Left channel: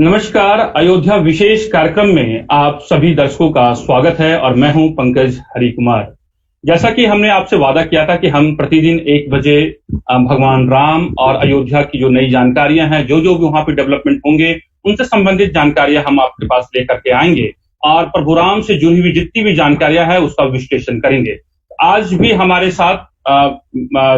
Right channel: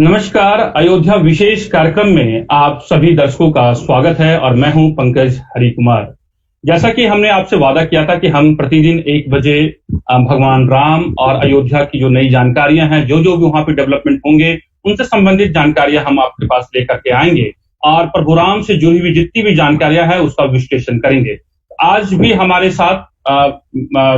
नमस्कार। अयोध्या विशेष कार्यक्रम में आप सभी दर्शकों का स्वागत है और मैं हूं पंकज हरिकुमार। जैसा कि हमने आपसे वादा किया था कि हम प्रतिदिन 1 बजे भगवान राम और अयोध्या की जो नई जानकारियां हैं, जो जो भी वहां पे डेवलपमेंट होंगे, उनसे संबंधित जानकारियां हम आपके पास लेकर के आएंगे और प्रभु राम से जुड़ी हुई जितनी भी जानकारियां हैं उसका विश्लेषण करेंगे। आज भी हमारे साथ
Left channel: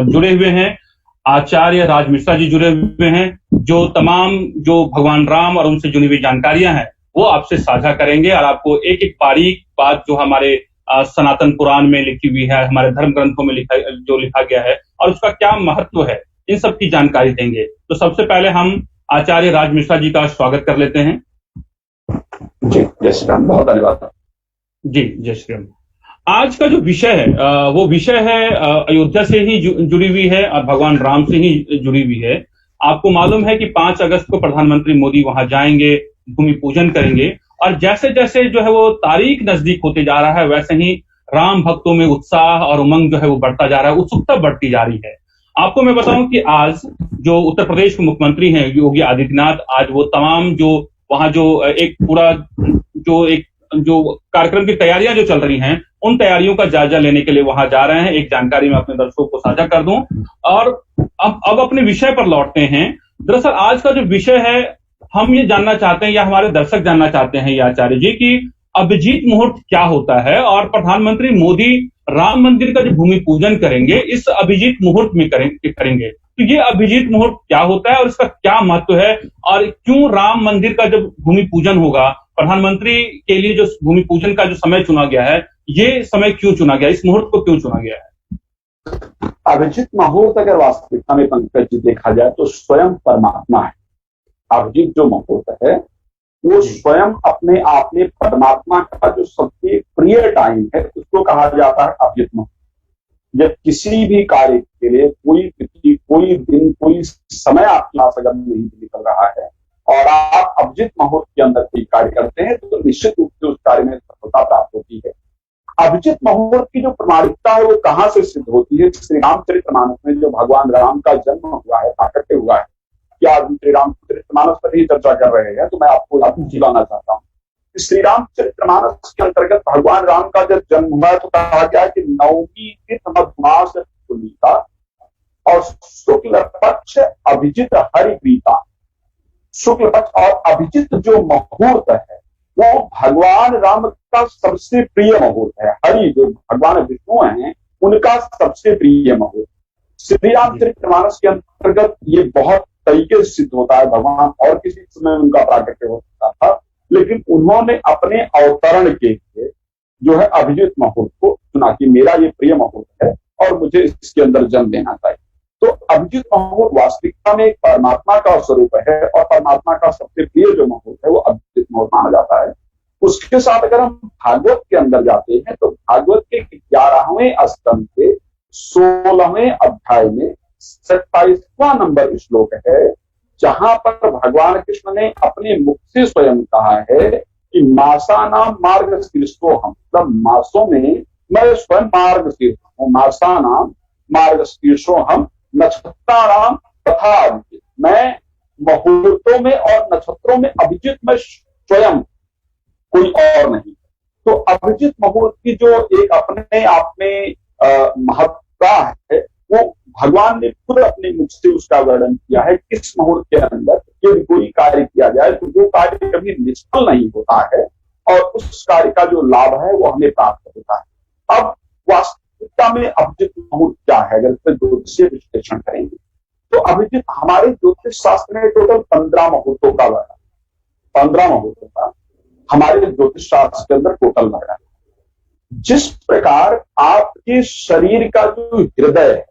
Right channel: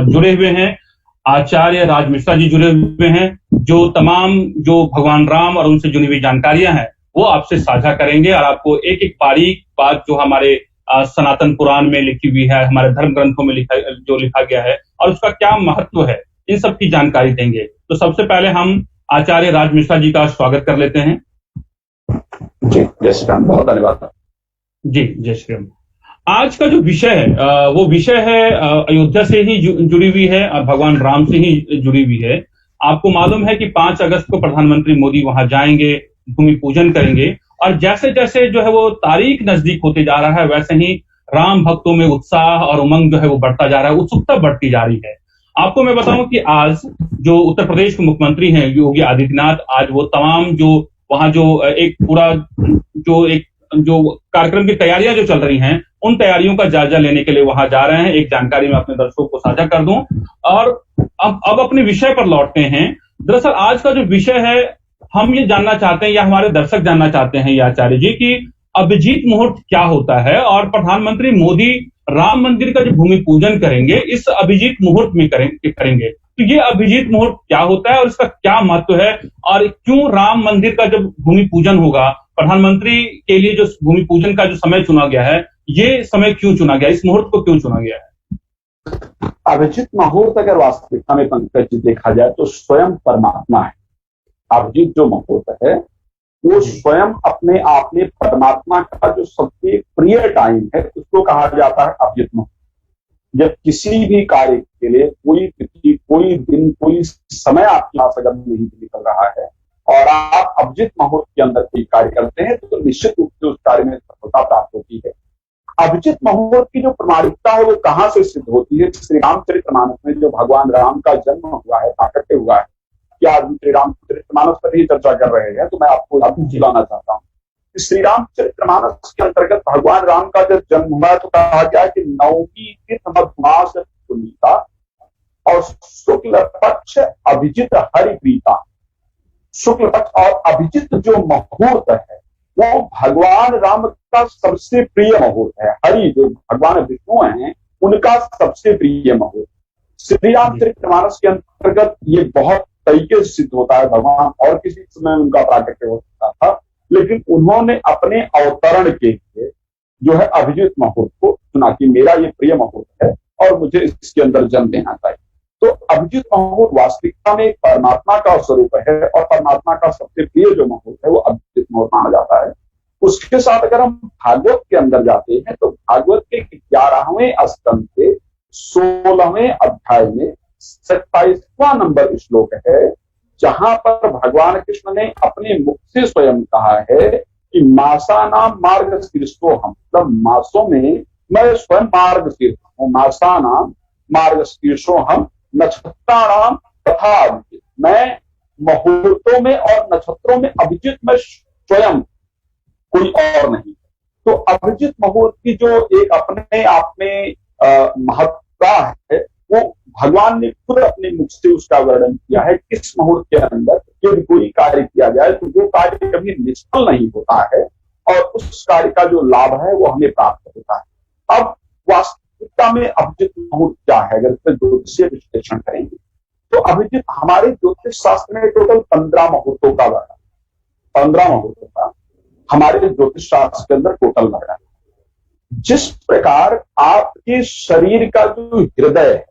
जुड़े हुए हैं आचार्य राज मिश्रा जी, जुड़े हुए हैं जो तमाम जो भगवान राम और उनसे जुड़ी हुई जानकारियां हैं वो आपसे साझा करेंगे और आपको एक एक बारीक बात जो हमारे सनातन पुराण में लिखी हुई है, हमारे धर्म ग्रंथों में लिखा गया है और उसका क्या महत्व है, इन सब की जानकारी देंगे। तो सबसे पहले हम आचार्य राज मिश्रा जी का स्वागत कर लेते हैं। जी, जय श्री राम। बहुत धन्यवाद। जी, जय श्री राम। आज का जो विषय है वो विषय है अयोध्या से ही जुड़ी हुई है और भगवान राम से ही जुड़ी हुई है। आपको मालूम है कि 5 अगस्त को प्रधानमंत्री मोदी वहां जाएंगे, भूमि पूजन करेंगे और जैसे जैसे जो है वो तारीख नजदीक होते जा रहा है वैसे ही राम भक्तों में उत्साह और उमंग जो है वो बढ़ता जा रहा है, उत्सुकता बढ़ती जा रही है। आपको मैं बताऊं कि आज जो उत्तर प्रदेश के मुख्यमंत्री हैं योगी आदित्यनाथ, आज वो तमाम जो वहां जो एक पूरा जो कार्यक्रम की तैयारियां जो चल रही हैं उन तैयारियों का जायजा लेने के लिए वहां जा रहे हैं। एक जानकारी मैं अपने दर्शकों को साझा कर दूं और अब अपने विषय पर लौटते हैं। दरअसल आज का जो विषय है, हम ये जानना चाहते हैं या हमारे दर्शक जानना चाहते हैं ये आचार्य जी कि अभिजीत मुहूर्त क्या होता है और प्रधानमंत्री मोदी राम मंदिर का जो भूमि पूजन करेंगे इस अभिजीत मुहूर्त में करेंगे। तो ये अभिजीत मुहूर्त क्या होता है और इसका क्या महत्व है और क्यों राम मंदिर का जब भूमि पूजन होगा, प्रधानमंत्री के लिए जो भूमि पूजन का जो समय चुना गया है, ये समय क्यों चुना गया, इस मुहूर्त को क्यों चुना गया है? अभिजीत मुहूर्त अगर वास्तविकता में पंकज जी देखा जाए तो स्वयं परमात्मा है। अभिजीत जो मुहूर्त है वो स्वयं अपने आप में परमात्मा का जो सबसे प्रिय टाइम है उसको कहा जाता है अभिजीत मुहूर्त। जब किसी भी कार्य के लिए कोई तिथि, कोई दिन, कोई समय आपके पास अगर नहीं निकल रहा है और आप अभिजीत मुहूर्त के अंदर कोई कार्य करते हैं तो निश्चित रूप से उस कार्य में सफलता प्राप्त होती है। अभिजीत मुहूर्त की जो प्रमाणिकता है वो कहां से सिद्ध होती है? श्री रामचरितमानस में जो भगवान राम का जन्म हुआ है, प्राकट्य हुआ है, क्या आज श्री रामचरितमानस पर ही चर्चा कर रहे हैं तो मैं आपको बताना चाहता हूँ। श्री रामचरितमानस के अंतर्गत भगवान राम का जब जन्म हुआ तो कहा गया कि 9वीं तिथि मधुमास पुनीता और शुक्ल पक्ष अभिजित हरिप्रीता। शुक्ल पक्ष और अभिजित जो मुहूर्त है वो भगवान राम का सबसे प्रिय मुहूर्त है। हरि जो भगवान विष्णु हैं उनका सबसे प्रिय मुहूर्त श्री रामचरितमानस के अंतर्गत ये बहुत तरीके से सिद्ध होता है। भगवान और किसी समय उनका प्राकट्य हो सकता था लेकिन उन्होंने अपने अवतरण के लिए जो है अभिजीत मुहूर्त को चुना कि मेरा ये प्रिय मुहूर्त है और मुझे इसके अंदर जन्म देना चाहिए। तो अभिजीत मुहूर्त वास्तविकता में एक परमात्मा का स्वरूप है और परमात्मा का सबसे प्रिय जो मुहूर्त है वो अभिजीत मुहूर्त माना जाता है। उसके साथ अगर हम भागवत के अंदर जाते हैं तो भागवत के 11वें स्कंद के 16वें अध्याय में 27वां नंबर श्लोक है जहां पर भगवान कृष्ण ने अपने मुख से स्वयं कहा है कि मासा नाम मार्ग शीर्षो हम, मतलब मासों में मैं स्वयं मार्ग शीर्ष हूं। मासा नाम मार्ग शीर्षो हम नक्षत्राणाम तथा अभिजित, मैं मुहूर्तों में और नक्षत्रों में अभिजित मैं स्वयं, कोई और नहीं। तो अभिजित मुहूर्त की जो एक अपने आप में महत्ता है वो भगवान ने खुद अपने मुख से उसका वर्णन किया है। किस मुहूर्त के अंदर यदि कोई कार्य किया जाए तो वो कार्य कभी निष्फल नहीं होता है और उस कार्य का जो लाभ है वो हमें प्राप्त होता है। अब वास्तविकता में अभिजित मुहूर्त क्या है अगर इसमें ज्योतिषीय विश्लेषण करेंगे तो अभिजित हमारे ज्योतिष शास्त्र में टोटल 15 मुहूर्तों का वर्णन, 15 मुहूर्तों का हमारे ज्योतिष शास्त्र के अंदर टोटल वर्णन। जिस प्रकार आपके शरीर का जो हृदय है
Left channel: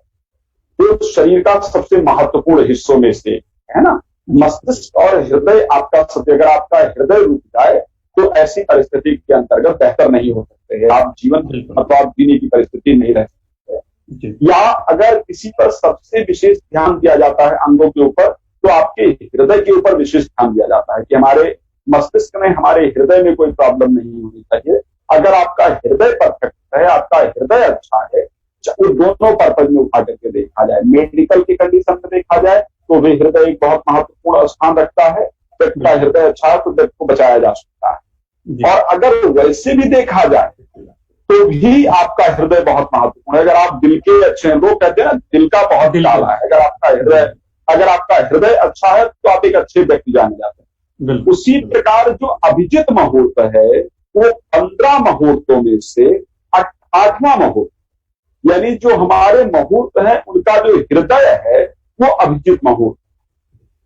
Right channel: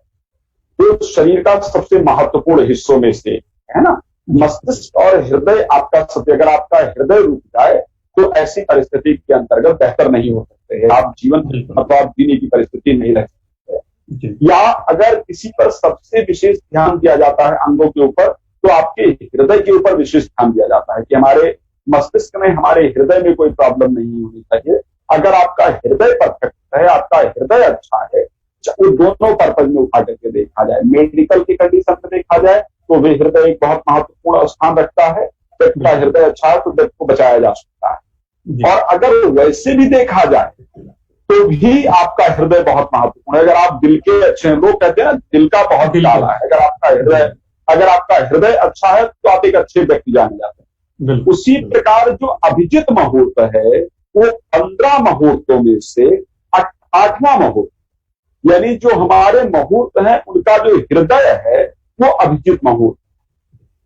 वो शरीर का सबसे महत्वपूर्ण हिस्सों में से है ना, मस्तिष्क और हृदय आपका सबसे, अगर आपका हृदय रुक जाए तो ऐसी परिस्थिति के अंतर्गत बेहतर नहीं हो सकते हैं आप, जीवन मतलब आप जीने की परिस्थिति नहीं रह सकते। या अगर किसी पर सबसे विशेष ध्यान दिया जाता है अंगों के ऊपर तो आपके हृदय के ऊपर विशेष ध्यान दिया जाता है कि हमारे मस्तिष्क में, हमारे हृदय में कोई प्रॉब्लम नहीं होनी चाहिए। अगर आपका हृदय परफेक्ट है, आपका हृदय अच्छा है, वो दोनों पर्पज में उठा करके देखा जाए, मेडिकल की कंडीशन में देखा जाए तो वे हृदय एक बहुत महत्वपूर्ण स्थान रखता है, व्यक्ति का हृदय अच्छा है तो व्यक्ति को बचाया जा सकता है। और अगर वैसे भी देखा जाए तो भी आपका हृदय बहुत महत्वपूर्ण है। अगर आप दिल के अच्छे हैं, लोग कहते हैं ना दिल का बहुत काला है, अगर आपका हृदय अच्छा है तो आप एक अच्छे व्यक्ति जाने जाते हैं। उसी प्रकार जो अभिजित मुहूर्त है वो 15 मुहूर्तों में से 8वां मुहूर्त, यानी जो हमारे मुहूर्त है उनका जो हृदय है वो अभिजित मुहूर्त।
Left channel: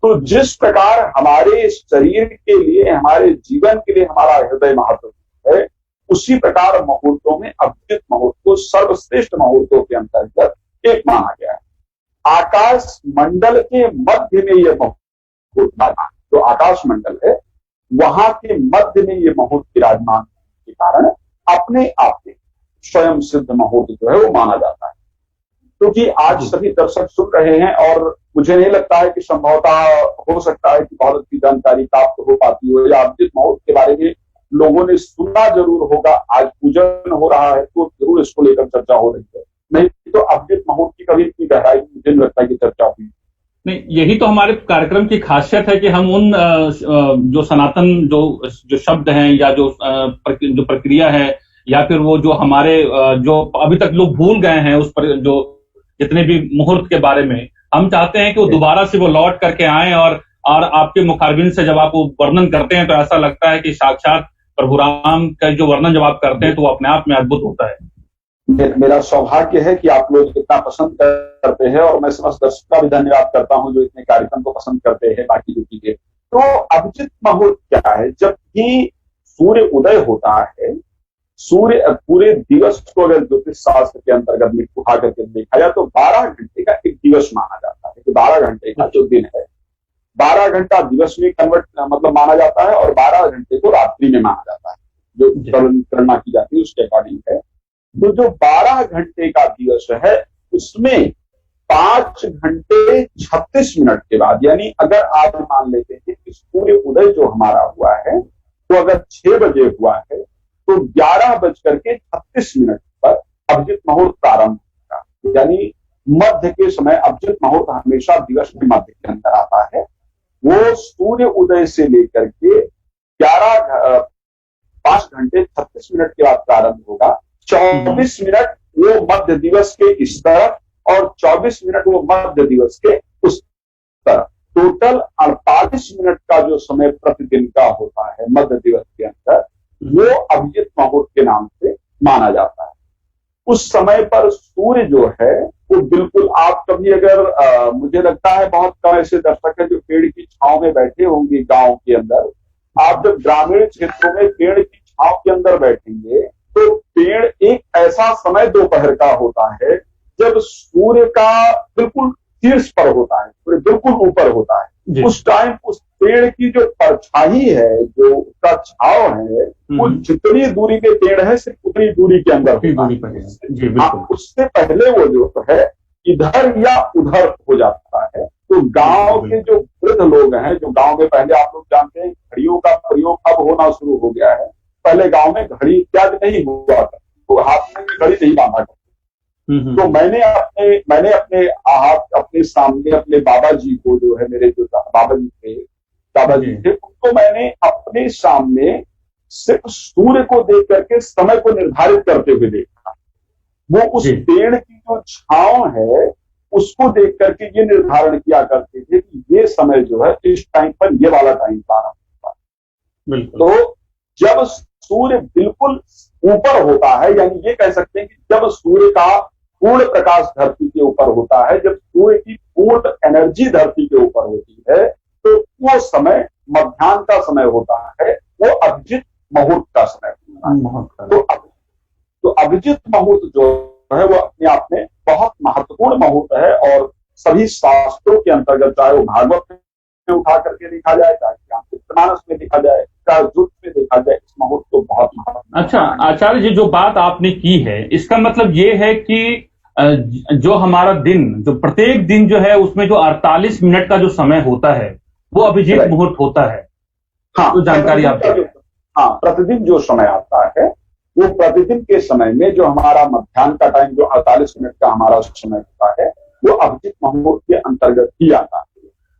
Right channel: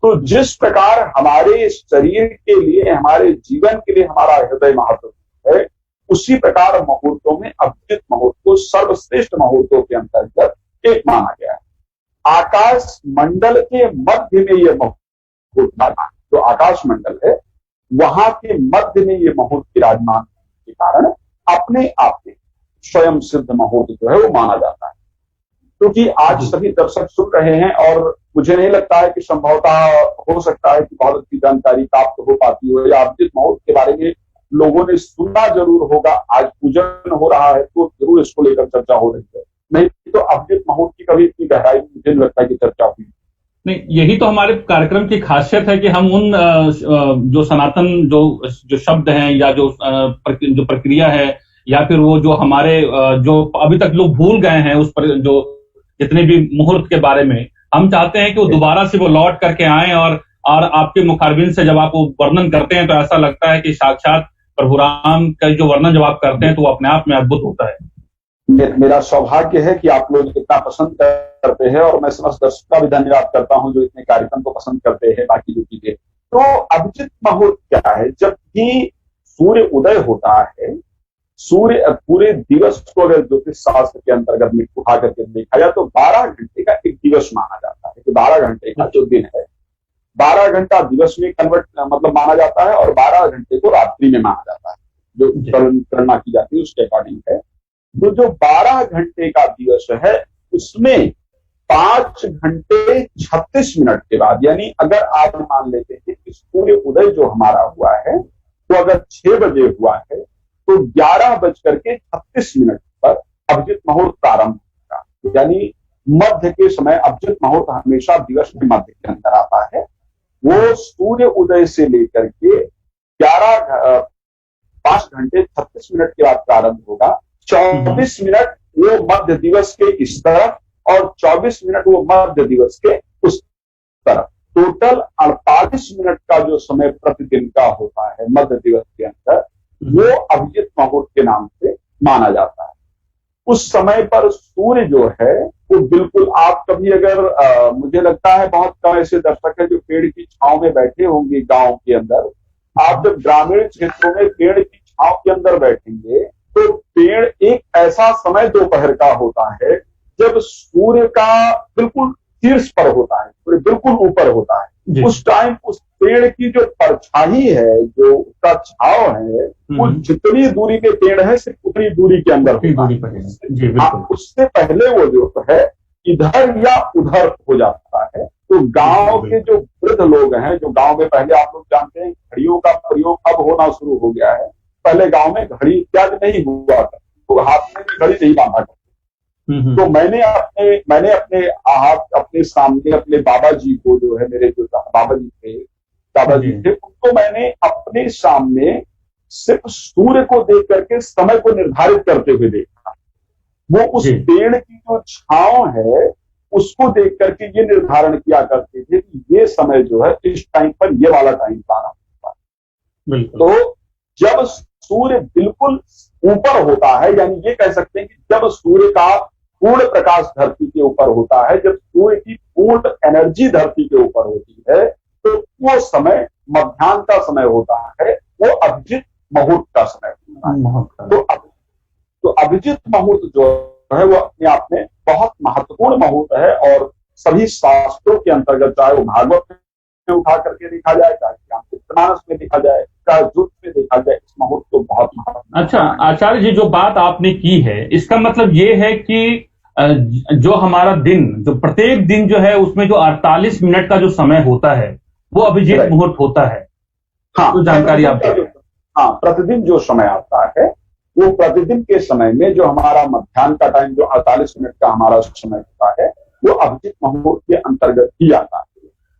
तो जिस प्रकार हमारे शरीर के लिए, हमारे जीवन के लिए हमारा हृदय महत्वपूर्ण है, उसी प्रकार मुहूर्तों में अभिजित मुहूर्त को सर्वश्रेष्ठ मुहूर्तों के अंतर्गत एक माना गया है। आकाश मंडल के मध्य में यह मुहूर्त माना, जो आकाश मंडल है वहां के मध्य में ये मुहूर्त विराजमान के कारण अपने आप में स्वयं सिद्ध मुहूर्त जो है वो माना जाता है। क्योंकि आज सभी दर्शक सुन रहे हैं और मुझे नहीं लगता है कि संभवतः हो सकता है कि बहुत अच्छी जानकारी प्राप्त हो पाती हो, या अभिजित मुहूर्त के बारे में लोगों ने सुना जरूर होगा। आज पूजन हो रहा है तो जरूर इसको लेकर चर्चा हो रही है, नहीं तो अभिजित मुहूर्त की कभी इतनी गहराई मुझे नहीं लगता कि चर्चा हुई। नहीं, यही तो हमारे कार्यक्रम की खासियत है कि हम उन जो सनातन जो शब्द हैं या जो प्रक्रिया है या फिर वो जो हमारे जो अभी तक लोग भूल गए हैं उस पर जो जितने भी मुहूर्त के बारे में, हम चाहते हैं कि वो दोबारा से वो लौट करके आए और आपके मुखारबिन से जब आप वो वर्णन करते हैं तो ऐसा लगता है कि साक्षात प्रभु राम का जो वर्णन जब आप करते हैं तो वो अपने आप में अद्भुत होता है। मेरा सौभाग्य है कि आप लोग इतना पसंद करते हैं और मैं समस्त दर्शकों का भी धन्यवाद करता हूं जो इतने कार्यक्रम को पसंद करते हैं। बाकी जो चीजें, तो अभिजित मुहूर्त क्या है? जब भी सूर्य उदय होता है, सूर्य पूरे दिवस को अगर ज्योतिष शास्त्र के अंतर्गत में उठा करके देखा जाए तो 12 घंटे का एक दिवस माना जाता है। 12 घंटे का जो दिन है 12 घंटा दिवस में कन्वर्ट मतलब माना जाता है और 12 घंटे को रात्रि में माना जाता है, जो गणना की जाती है उसके अकॉर्डिंग है। तो जो 12 घंटे का दिवस है उसमें 5 घंटे 36 मिनट के बाद, यानी अगर आज मान लेते हैं कि सूर्य उदय जो हमारा हुआ है तो अगर 6 बजे हुआ है तो 11:36 पर अभिजित मुहूर्त प्रारंभ होगा। यानी मध्य के समय अभिजित मुहूर्त हमेशा दिवस के मध्य के अंदर आता है। वो सूर्य उदय से लेकर के 5 घंटे 36 मिनट के बाद प्रारंभ होगा। 24 मिनट वो मध्य दिवस के इस तरफ और 24 मिनट वो मध्य दिवस के उस तरफ, टोटल 48 मिनट का जो समय प्रतिदिन का होता है मध्य दिवस के अंदर, वो अभिजित मुहूर्त के नाम से माना जाता है। उस समय पर सूर्य जो है वो बिल्कुल, आप कभी अगर मुझे लगता है बहुत कम ऐसे दर्शक है जो पेड़ की छांव में बैठे होंगे गांव के अंदर। आप जब ग्रामीण क्षेत्रों में पेड़ की छांव के अंदर बैठेंगे तो पेड़ एक ऐसा समय दोपहर का होता है जब सूर्य का बिल्कुल शीर्ष पर होता है, सूर्य बिल्कुल ऊपर होता है। उस टाइम उस पेड़ की जो परछाई है, जो उसका छाव है, वो जितनी दूरी पे पेड़ है सिर्फ उतनी दूरी के अंदर होता है। उससे पहले वो जो है इधर या उधर हो जाता है। तो गांव के जो वृद्ध लोग हैं, जो गांव में पहले आप लोग जानते हैं घड़ियों का प्रयोग अब होना शुरू हो गया है, पहले गांव में घड़ी इत्यादि नहीं हुआ था, तो हाथ में घड़ी नहीं बांधा करते। तो मैंने अपने सामने अपने बाबा जी को, जो है मेरे जो बाबा जी थे उनको मैंने अपने सामने सिर्फ सूर्य को देख करके समय को निर्धारित करते हुए देखा। वो उस पेड़ की जो छांव है उसको देख करके ये निर्धारण किया करते थे कि ये समय जो है इस टाइम पर ये वाला टाइम प्रारंभ होगा। तो जब सूर्य बिल्कुल ऊपर होता है, यानी ये कह सकते हैं कि जब सूर्य का पूर्ण प्रकाश धरती के ऊपर होता है, जब सूर्य की पूर्ण एनर्जी धरती के ऊपर होती है, तो वो समय मध्याह्न का समय होता है, वो अभिजित मुहूर्त का समय होता है। तो अभिजित मुहूर्त जो है वो अपने आप में बहुत महत्वपूर्ण मुहूर्त है और सभी शास्त्रों के अंतर्गत, चाहे वो भागवत में उठा करके देखा जाए, चाहे रामचरितमानस में देखा जाए, चाहे युद्ध में देखा जाए, इस मुहूर्त को बहुत महत्व। अच्छा आचार्य जी, जो बात आपने की है इसका मतलब ये है कि जो हमारा दिन, जो प्रत्येक दिन जो है उसमें जो 48 मिनट का जो समय होता है वो अभिजित मुहूर्त होता है। हाँ, तो जानकारी आप हाँ, प्रतिदिन जो समय आता है वो प्रतिदिन के समय में जो हमारा मध्याह्न का टाइम जो 48 मिनट का हमारा समय होता है वो अभिजित मुहूर्त के अंतर्गत ही आता है।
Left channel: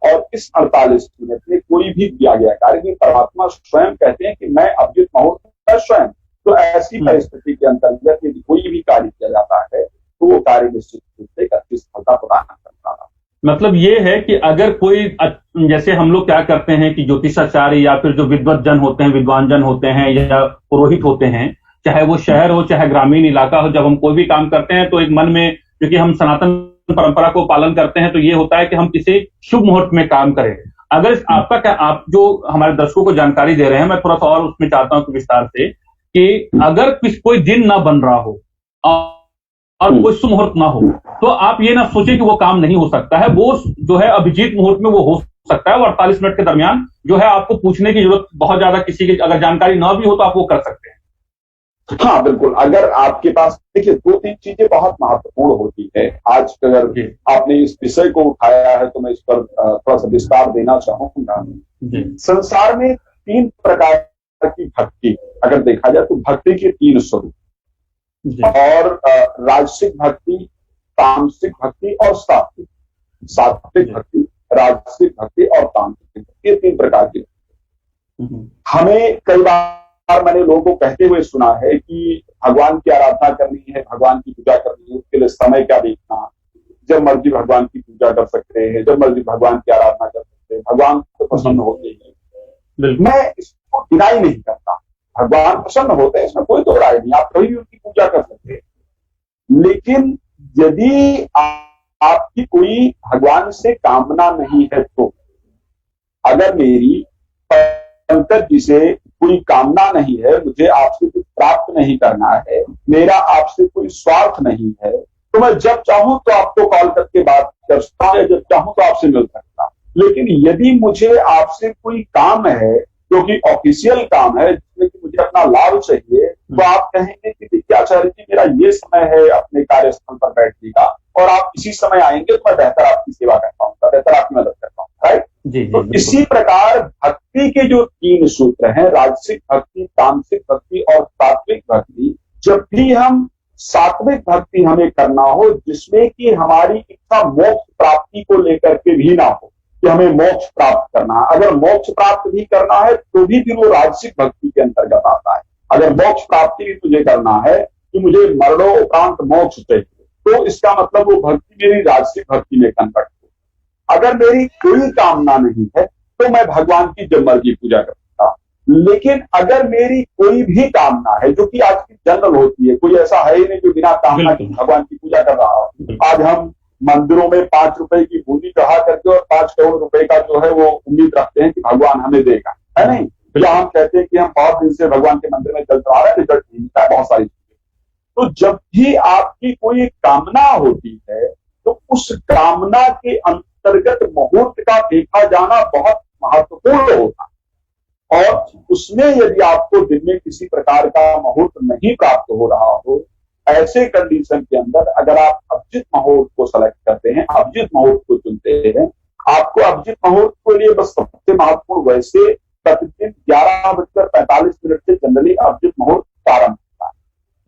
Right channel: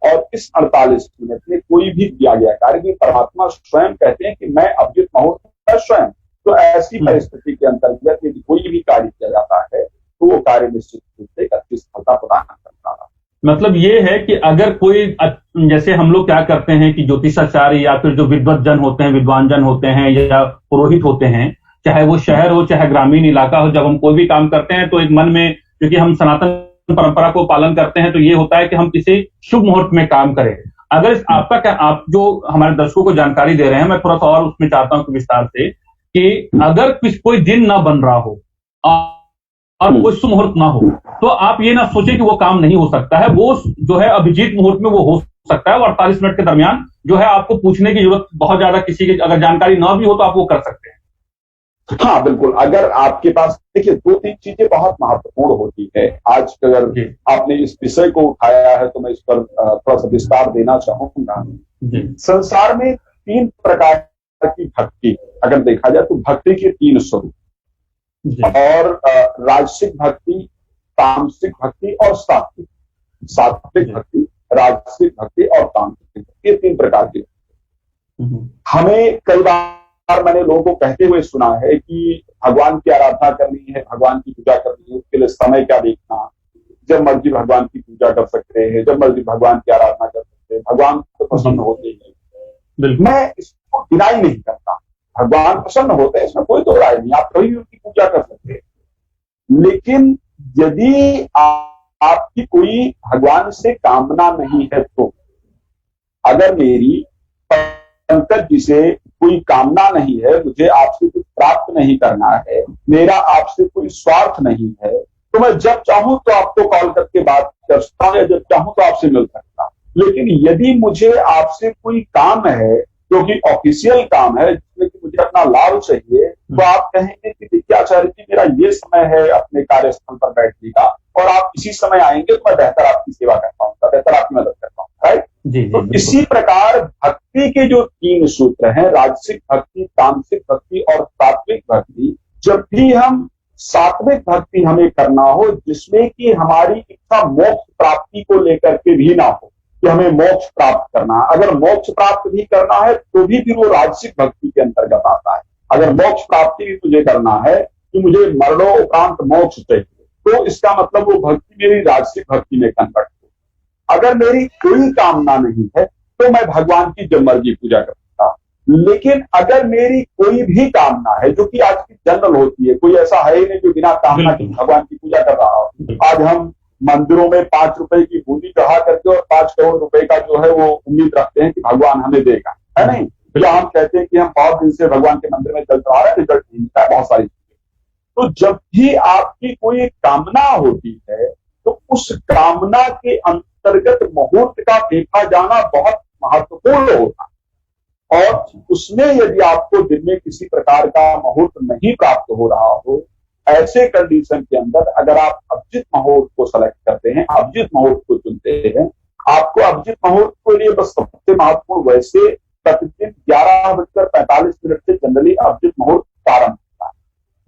और इस 48 मिनट में कोई भी किया गया कार्य, कि परमात्मा स्वयं कहते हैं कि मैं अभिजीत मुहूर्त का स्वयं, तो ऐसी परिस्थिति के अंतर्गत यदि कोई भी कार्य किया जाता है तो वो कार्य निश्चित रूप से अच्छी सफलता प्रदान करता है। मतलब ये है कि अगर कोई, जैसे हम लोग क्या करते हैं कि ज्योतिषाचार्य या फिर जो विद्वत जन होते हैं, विद्वान जन होते हैं या पुरोहित होते हैं, चाहे वो शहर हो चाहे ग्रामीण इलाका हो, जब हम कोई भी काम करते हैं तो एक मन में, क्योंकि हम सनातन परंपरा को पालन करते हैं, तो ये होता है कि हम किसी शुभ मुहूर्त में काम करें। अगर आपका क्या, आप जो हमारे दर्शकों को जानकारी दे रहे हैं, मैं थोड़ा सा और उसमें चाहता हूं विस्तार से, कि अगर कोई दिन ना बन रहा हो और कोई शुभ मुहूर्त ना हो, तो आप ये ना सोचे कि वो काम नहीं हो सकता है। वो जो है अभिजीत मुहूर्त में वो हो सकता है, और 48 मिनट के दरमियान जो है आपको पूछने की जरूरत बहुत ज्यादा, किसी की अगर जानकारी ना भी हो तो आप वो कर सकते हैं। हाँ बिल्कुल, अगर आपके पास, देखिए 2-3 चीजें बहुत महत्वपूर्ण होती है। आज अगर आपने इस विषय को उठाया है तो मैं इस पर थोड़ा सा विस्तार देना चाहूंगा। संसार में 3 प्रकार की भक्ति अगर देखा जाए तो भक्ति के 3 स्वरूप, और राजसिक भक्ति, तामसिक भक्ति और सात्विक। सात्विक भक्ति, राजसिक भक्ति और तामसिक भक्ति, ये 3 प्रकार की। हमें कई बार मैंने लोगों को कहते हुए सुना है कि भगवान की आराधना करनी है, भगवान की पूजा करनी है, उसके लिए समय क्या देखना, जब मर्जी भगवान की पूजा कर सकते हैं, जब मर्जी भगवान की आराधना कर सकते हैं, भगवान को प्रसन्न होते हैं। मैं इसको डिनाई नहीं करता, भगवान प्रसन्न होते हैं, इसमें कोई दो राय नहीं, आप कभी भी उनकी पूजा कर सकते हैं। लेकिन यदि आपकी कोई भगवान से कामना नहीं है, तो अगर मेरी पंकज जी से कोई कामना नहीं है, मुझे आपसे कुछ प्राप्त नहीं करना है, मेरा आपसे कोई स्वार्थ नहीं है, तो मैं जब चाहूं तो आपको कॉल करके बात कर सकता हूं, जब चाहूं तो आपसे मिल सकता हूं। लेकिन यदि मुझे आपसे कोई काम है जो कि ऑफिशियल काम है, जिसमें कि मुझे अपना लाभ चाहिए, तो आप कहेंगे कि देखिए आचार्य जी, मेरा ये समय है अपने कार्यस्थल पर बैठने का, और आप इसी समय आएंगे तो मैं बेहतर आपकी सेवा कर पाऊंगा, बेहतर आपकी मदद कर पाऊंगा, राइट? तो इसी प्रकार भक्ति के जो 3 सूत्र हैं, राजसिक भक्ति, तामसिक भक्ति और सात्विक भक्ति, जब भी हम सात्विक भक्ति हमें करना हो, जिसमें कि हमारी इच्छा मोक्ष प्राप्ति को लेकर के भी ना हो कि हमें मोक्ष प्राप्त करना है, अगर मोक्ष प्राप्त भी करना है तो भी फिर वो राजसिक भक्ति के अंतर्गत आता है। अगर मोक्ष प्राप्ति भी तुझे करना है कि मुझे मरणोपरांत मोक्ष चाहिए, तो इसका मतलब वो भक्ति मेरी राजसिक भक्ति में कन्वर्ट हो। अगर मेरी कोई कामना नहीं है तो मैं भगवान की जब मर्जी पूजा करता, लेकिन अगर मेरी कोई भी कामना है, जो कि आज की जनरल होती है, कोई ऐसा है ही नहीं जो बिना कामना के भगवान की पूजा कर रहा हो। आज हम मंदिरों में 5 रुपए की बूंदी चढ़ा करके और 5 करोड़ रुपए का जो है वो उम्मीद रखते हैं कि भगवान हमें देगा, है नहीं? या हम कहते हैं कि हम बहुत दिन से भगवान के मंदिर में चल रहा है, रिजल्ट नहीं मिलता है, बहुत सारी चीजें। तो जब भी आपकी कोई कामना होती है तो उस कामना के अंतर्गत मुहूर्त का देखा जाना बहुत महत्वपूर्ण होता है। और उसमें यदि आपको दिन में किसी प्रकार का मुहूर्त नहीं प्राप्त हो रहा हो, ऐसे कंडीशन के अंदर अगर आप अभिजीत मुहूर्त को सेलेक्ट करते हैं, अभिजीत मुहूर्त को चुनते हैं, आपको अभिजीत मुहूर्त के लिए बस सबसे महत्वपूर्ण, वैसे प्रतिदिन 11:45 से जनरली अभिजीत मुहूर्त प्रारंभ होता है,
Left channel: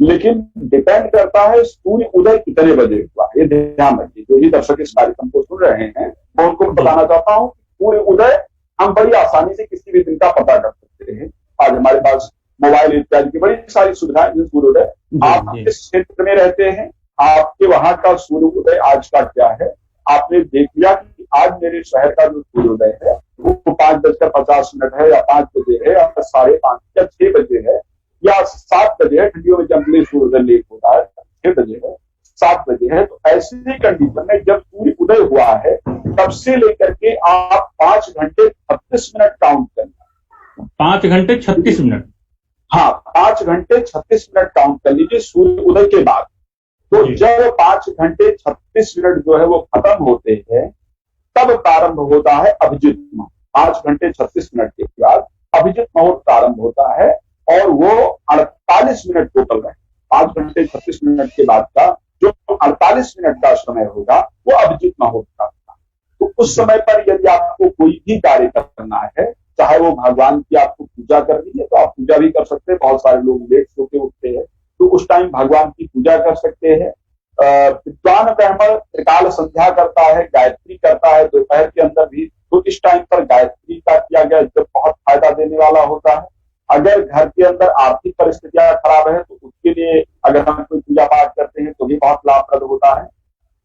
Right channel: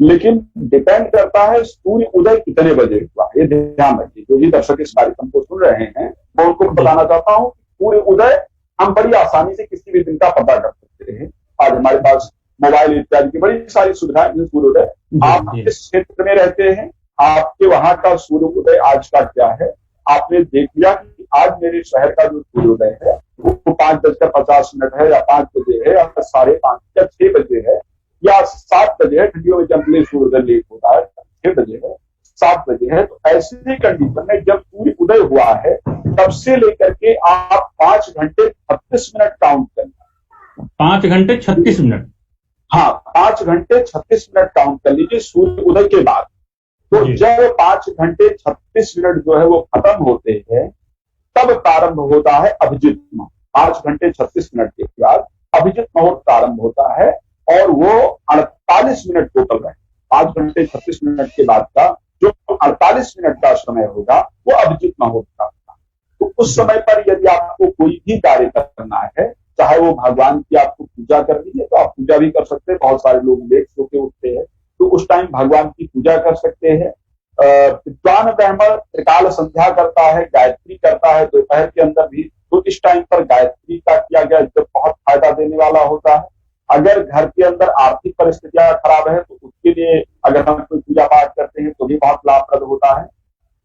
लेकिन डिपेंड करता है सूर्य उदय कितने बजे हुआ। ये ध्यान रखिए, जो भी दर्शक इस कार्यक्रम को सुन रहे हैं, मैं उनको बताना चाहता हूँ सूर्य उदय हम बड़ी आसानी से किसी भी दिन का पता कर सकते हैं। आज हमारे पास मोबाइल इत्यादि की बड़ी सारी सुविधाएं, सूर्योदय, आप किस क्षेत्र में रहते हैं, आपके वहां का सूर्योदय आज का क्या है, आपने देख लिया कि आज मेरे शहर का जो सूर्योदय है वो 5:50 है, या 5 बजे है, या 5:30 या 6 बजे है, या 7 बजे है। ठंडियों में जनरली सूर्योदय लेट होता है, 6 बजे है, 7 बजे है। तो ऐसी कंडीशन में जब सूर्य उदय हुआ है, तब से लेकर के आप 5 घंटे 36 मिनट काउंट करना। 5 घंटे 36 मिनट, हाँ 5 घंटे 36 मिनट काउंट कर लीजिए सूर्य उदय के बाद। तो जब 5 घंटे 36 मिनट जो है वो खत्म होते हैं, तब प्रारंभ होता है अभिजीत मुहूर्त। 5 घंटे 36 मिनट के बाद अभिजीत मुहूर्त प्रारंभ होता है, और वो 48 मिनट टोटल रहे। 5 घंटे 36 मिनट के बाद का जो 48 मिनट का समय होगा वो अभिजीत मुहूर्त का होगा। तो उस समय पर यदि आपको कोई भी कार्य करना है, चाहे वो भगवान की आपको पूजा करनी है तो आप पूजा भी कर सकते हैं। बहुत सारे लोग लेट सो के उठते हैं, तो उस टाइम भगवान की पूजा कर सकते हैं। विद्वान ब्राह्मण त्रिकाल संध्या करता है, गायत्री करता है, दोपहर के अंदर भी तो इस टाइम पर गायत्री का किया गया जो बहुत फायदा देने वाला होता है। अगर घर के अंदर आर्थिक परिस्थितियां खराब है तो उसके लिए अगर हम कोई पूजा पाठ करते हैं तो भी बहुत लाभप्रद होता है।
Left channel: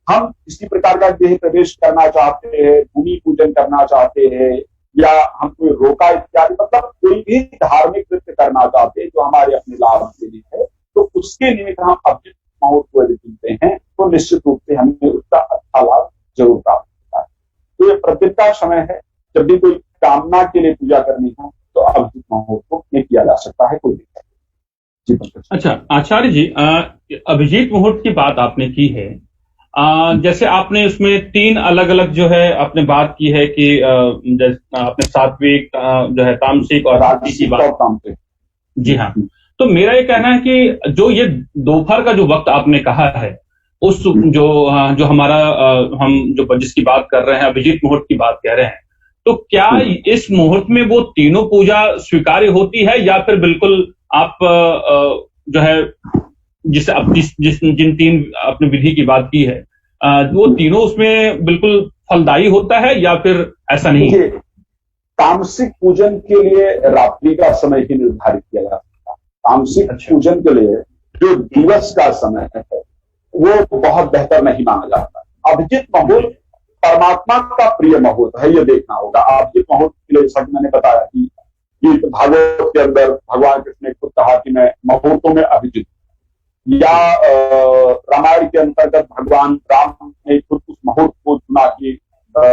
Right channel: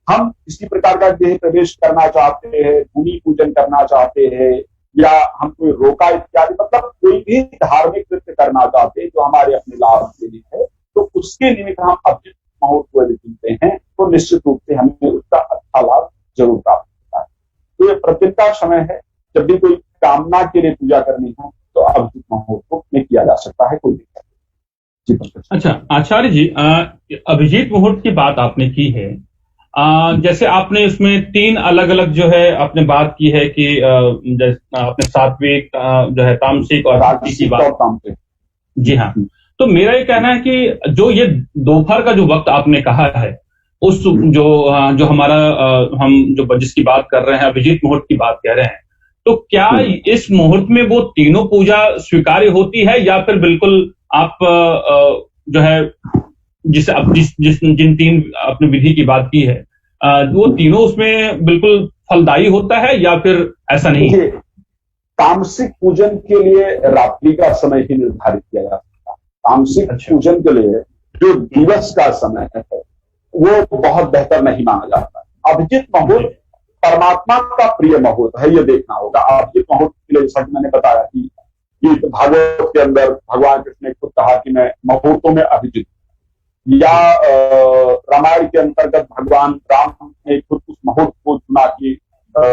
हम किसी प्रकार का गृह प्रवेश करना चाहते हैं, भूमि पूजन करना चाहते हैं, या हम कोई रोका इत्यादि, मतलब कोई भी धार्मिक कृत्य करना चाहते हैं जो हमारे अपने लाभ के लिए है, तो उसके निमित्त हम अभिजित मुहूर्त को यदि चुनते हैं तो निश्चित रूप से हमें उसका अच्छा लाभ जरूर प्राप्त होता है। तो ये प्रतिदिन का समय है, जब भी कोई कामना के लिए पूजा करनी हो तो अभिजित मुहूर्त को किया जा सकता है, कोई दिक्कत नहीं। जी अच्छा आचार्य जी, अभिजीत मुहूर्त की बात आपने की है। जैसे आपने उसमें 3 अलग अलग जो है आपने बात की है कि आपने सात्विक जो है तामसिक और राजसिक की बात। जी हाँ, तो मेरा ये कहना है कि जो ये दोपहर का जो वक्त आपने कहा है, उस जो हमारा हम जो जिसकी बात कर रहे हैं, अभिजीत मुहूर्त की बात कह रहे हैं, तो क्या इस मुहूर्त में वो तीनों पूजा स्वीकार्य होती है, या फिर बिल्कुल आप जो है जिन 3 आपने विधि की बात की है, वो तीनों उसमें बिल्कुल फलदायी होता है, या फिर ऐसा नहीं है? तामसिक पूजन के लिए रात्रि का समय ही निर्धारित किया जा सकता है। तामसिक पूजन के लिए जो दिवस का समय है वो बहुत बेहतर नहीं माना जाता। अभिजित मुहूर्त परमात्मा का प्रिय मुहूर्त है, ये देखना होगा। अभिजित मुहूर्त के लिए जैसा कि मैंने बताया कि भागवत के अंदर भगवान कृष्ण ने खुद कहा कि मैं मुहूर्तों में अभिजित, या रामायण के अंतर्गत भगवान राम ने खुद उस मुहूर्त को चुना कि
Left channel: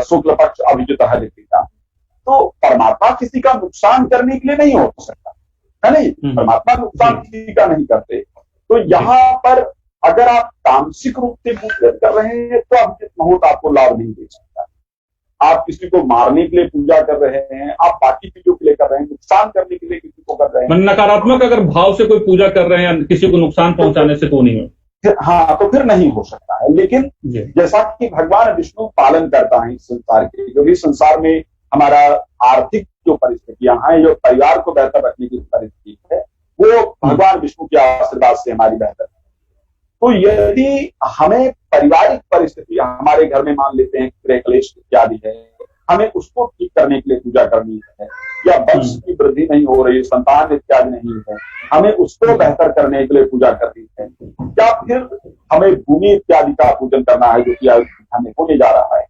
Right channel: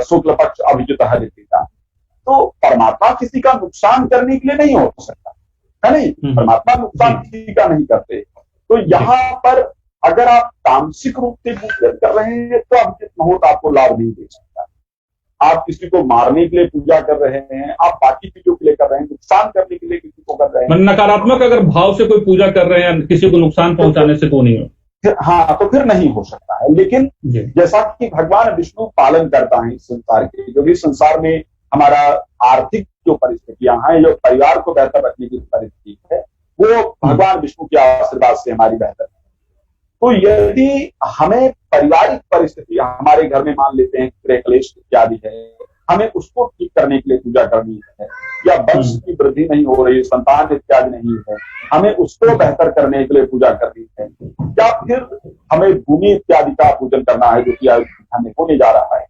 शुक्ल पक्ष अभिजित है का। तो परमात्मा किसी का नुकसान करने के लिए नहीं हो सकता है, नहीं, परमात्मा नुकसान किसी का नहीं करते। तो यहाँ पर अगर आप तामसिक रूप से पूजन कर रहे हैं तो अभिजित मुहूर्त आपको लाभ नहीं दे सकता। आप किसी को मारने के लिए पूजा कर रहे हैं, आप बाकी चीजों के लिए कर रहे हैं, नुकसान करने के लिए किसी को कर रहे हैं, नकारात्मक अगर भाव से कोई पूजा कर रहे हैं, किसी को नुकसान पहुंचाने से तो नहीं हो, हाँ, तो फिर नहीं हो सकता है। लेकिन जैसा कि भगवान विष्णु पालन करता है इस संसार के, जो भी संसार में हमारा आर्थिक जो परिस्थितियां हैं, जो परिवार को बेहतर रखने की परिस्थिति है, वो भगवान विष्णु के आशीर्वाद से हमारी बेहतर है। तो यदि हमें पारिवारिक परिस्थिति हमारे घर में मान लेते हैं गृह क्लेश इत्यादि है, हमें उसको ठीक करने के लिए पूजा करनी है, या वंश की वृद्धि नहीं हो रही, संतान इत्यादि नहीं है, हमें उसको बेहतर करने के लिए पूजा करनी है, या फिर हमें भूमि इत्यादि का पूजन करना है जो कि हमें होने जा रहा है,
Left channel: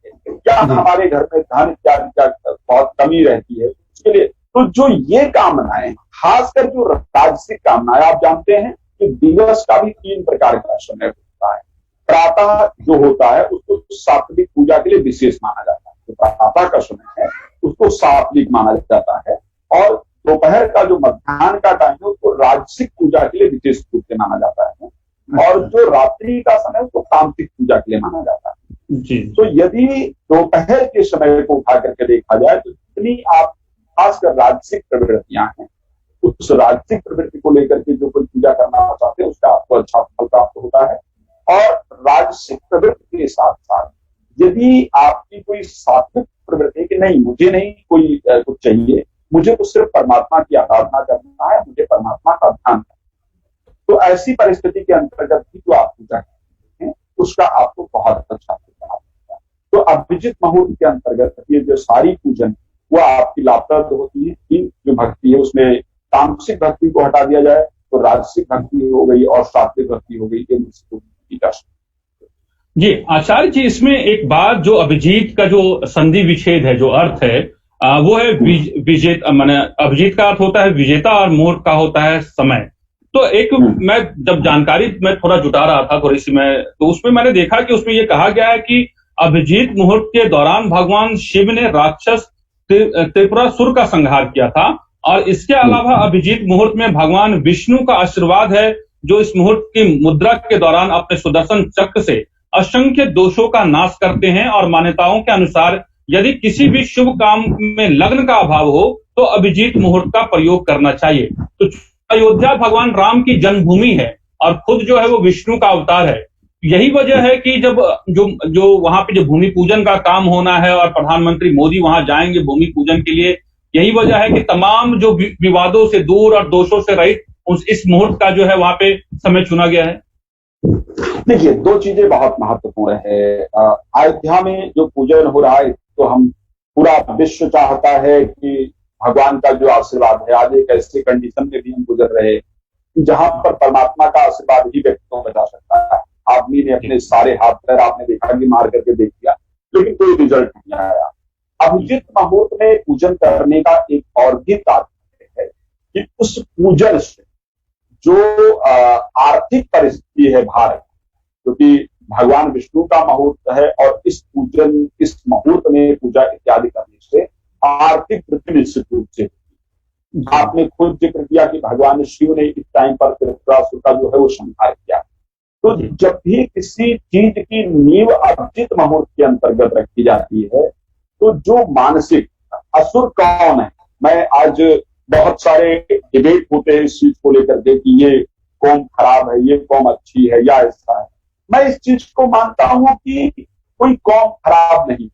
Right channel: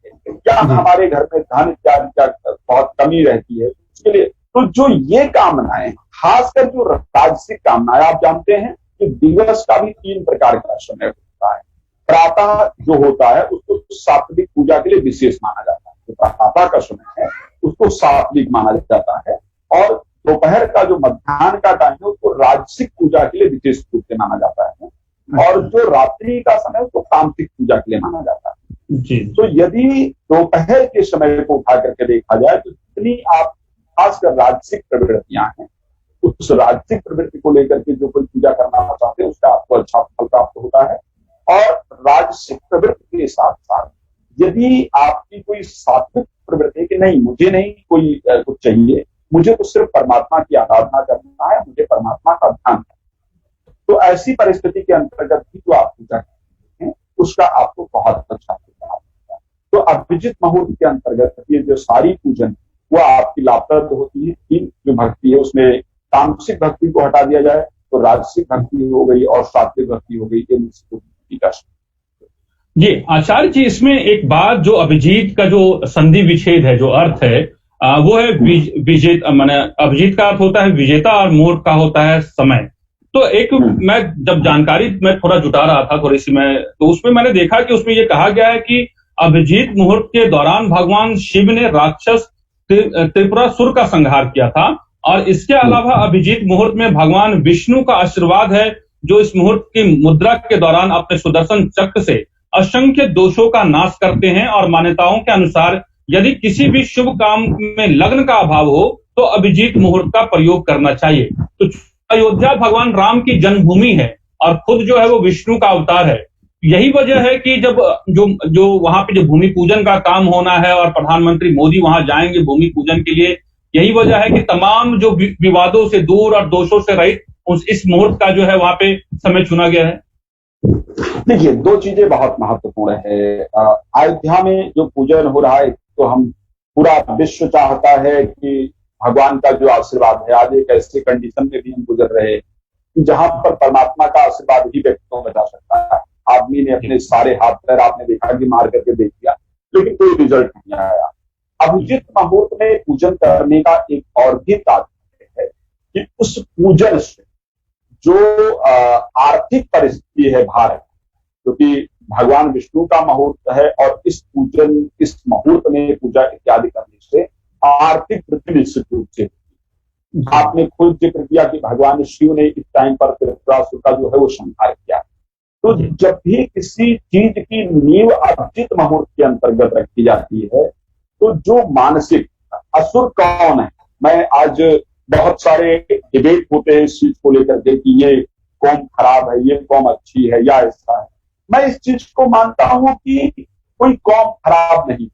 या हमारे घर में धन इत्यादि का बहुत कमी रहती है उसके लिए। तो जो ये कामनाएं, खासकर जो राजसिक कामनाएं, आप जानते हैं कि दिवस का भी 3 प्रकार का समय होता है। प्रातः जो होता है उसको सात्विक पूजा के लिए विशेष माना जाता है, तो प्रातः का समय है उसको सात्विक माना जाता है, और दोपहर का जो मध्याह्न का टाइम है उसको राजसिक पूजा के लिए विशेष रूप से माना जाता है, और जो रात्रि का समय उसको तामसिक पूजा के लिए माना जाता है। जी। तो यदि दोपहर के समय को उठा करके देखा जाए तो जितनी आप खासकर राजसिक प्रवृत्तियां हैं, उस राजसिक प्रवृत्ति को लेकर के जो कोई पूजा करना चाहते हैं उसका आपको अच्छा फल प्राप्त होता है। और राजसिक प्रवृत्ति के साथ साथ यदि आपकी कोई सात्विक प्रवृत्ति कि नहीं, मुझे नहीं कोई कुछ चाहिए, मुझे तो सिर्फ परमात्मा की आराधना करना है, मुझे परमात्मा का ध्यान है, तो ऐसी परिस्थिति के अंतर्गत भी जो आप पूजा करते हैं उसका आपको बहुत अच्छा फल होता है। तो अभिजित मुहूर्त के अंतर्गत ये जो सारी पूजन वो आपकी लाभप्रद होती है। 3 जो भक्ति है उसमें तामसिक भक्ति को हटा दिया जाए तो राजसिक भक्ति हो गई और सात्विक भक्ति हो गई। जी आचार्य जी, इसमें एक बात, जो अभिजीत का जो संधि विच्छेद है, जो अर्थ है वो है विजेता, माने अभिजीत का अर्थ होता है विजेता और मुहूर्त का होता है समय। तो एक मैं जब जानकारी मैं थोड़ा जुटा रहा था थोड़ी सी, मैं तो उसमें मैंने देखा कि उसमें ये कहा गया है कि अभिजीत मुहूर्त के दौरान भगवान शिव ने राक्षस त्रिपुरासुर का संहार किया था, और इसके अलावा अभिजीत मुहूर्त में भगवान विष्णु का आशीर्वाद है, जो इस मुहूर्त की मुद्रा के दौरान अपने सुदर्शन चक्र से असंख्य दोषों का नाश करते हैं। और मान्यताओं के अनुसार यदि किसी भी शुभ काम में लग्न का अभाव हो तो अभिजीत मुहूर्त का प्रयोग करना चाहिए। तो अयोध्या भगवान राम की जन्मभूमि है और खुद जो है वो विष्णु का अवतार है। यही वजह है कि जब जो वहां पे जो भूमि पूजन का काम होना है और प्रधानमंत्री मोदी वहां जाएंगे भूमि पूजन के लिए, यही वजह है कि तमाम जो विवादों से दूर और दोषों से रहित इस मुहूर्त का जो है वहां पे समय चुना गया है। देखिए, 2 चीजें बहुत महत्वपूर्ण है। अयोध्या में जो पूजन हो रहा है तो हम पूरा विश्व चाहता है कि भगवान का जो आशीर्वाद है, आज एक ऐसे कंडीशन में भी हम गुजर रहे हैं कि जहां पर परमात्मा का आशीर्वाद ही व्यक्ति को बचा सकता है। आदमी ने अपने सारे हाथ पैर, आपने देखा कि मार करके देख लिया, लेकिन कोई रिजल्ट नहीं आया। अभिजित मुहूर्त में पूजन करने का एक और भी तात्पर्य है कि उस पूजन से जो आर्थिक परिस्थिति है भारत, क्योंकि भगवान विष्णु का मुहूर्त है और इस मुहूर्त में पूजा इत्यादि करने से आर्थिक वृद्धि निश्चित रूप से। आपने खुद जिक्र किया कि भगवान शिव ने इस टाइम पर त्रिपुरासुर का जो है वो संहार किया। तो जब भी किसी चीज की नींव अभिजित मुहूर्त के अंतर्गत रखी जाती है, तो जो मानसिक असुर कौन है, मैं आज बहुत सारे डिबेट होते हैं इस चीज को लेकर के कि ये कौम खराब है, ये कौम अच्छी है या ऐसा है। मैं इस चीज को मानता हूं कि कोई कौम खराब नहीं,